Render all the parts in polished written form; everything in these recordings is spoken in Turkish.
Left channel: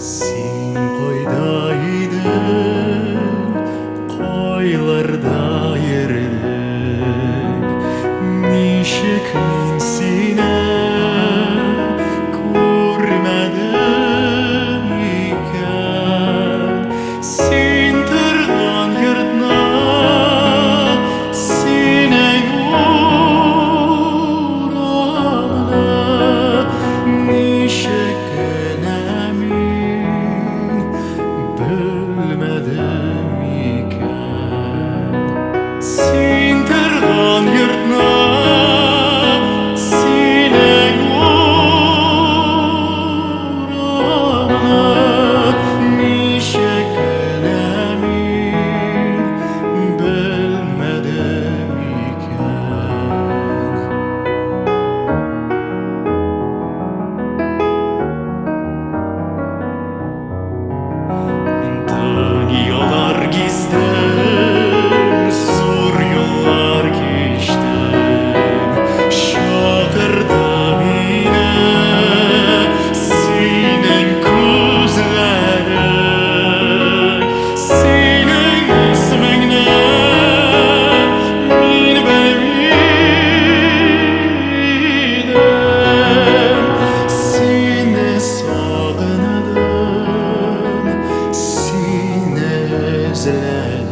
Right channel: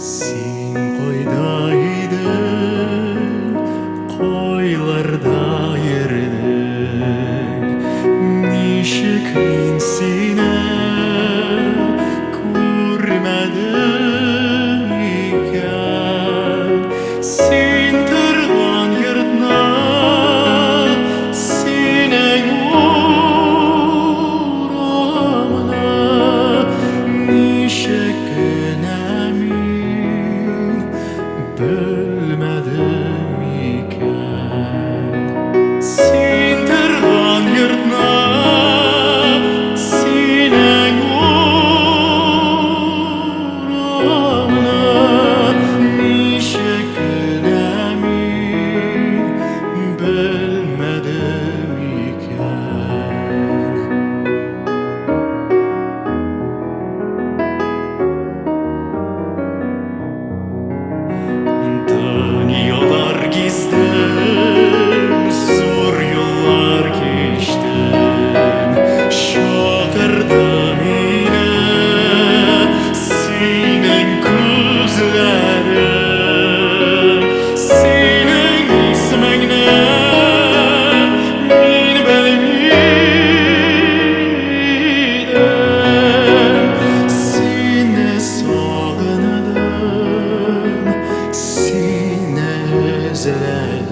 Sen koydaydın, koylarda yerdin. Nişik min sine görmedim iken. Sen tırgan yerdna, senin uğramına nişik bilmedim iken. Sen tırgan yurtna, senin uğramına nişeklemin bilmedim iken. Dünyalar gizdim, zor yollar geçtim. Şakırdım yine senin gözlerin. Senin ismin ne? Min bilmedim. Seni sağındım, seni özledim.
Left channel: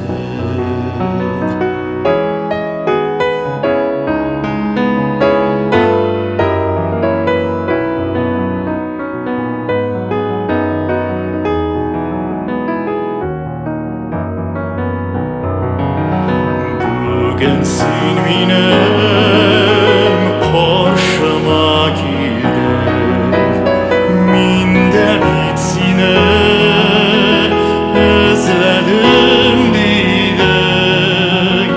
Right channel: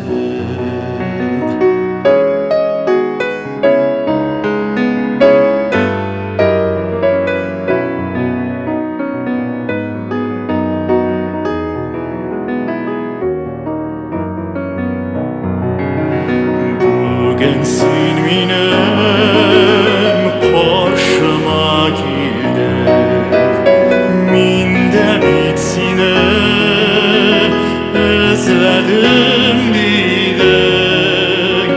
Bugün sen benim karşıma geldin. Min de bitsine özledim dedin.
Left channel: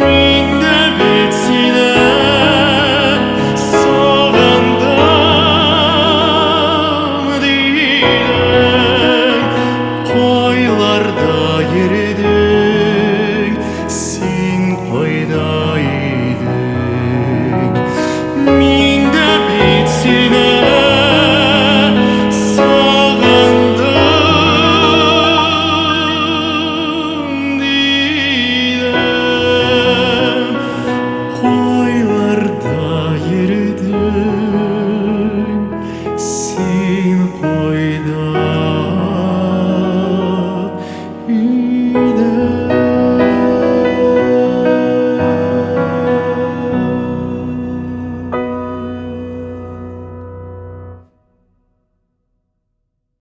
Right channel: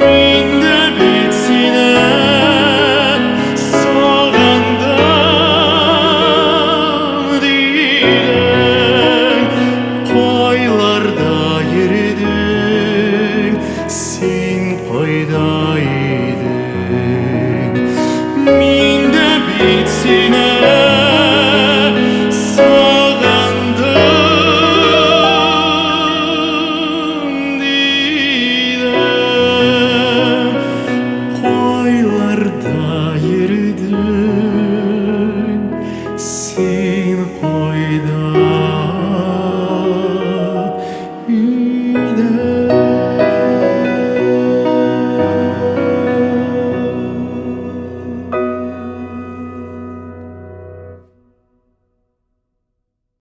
Min de bitsine sağındım dedin. Koylarda yeridin, sen koydaydın. Min de bitsine sağındım dedin. Koylarda yeridin, sen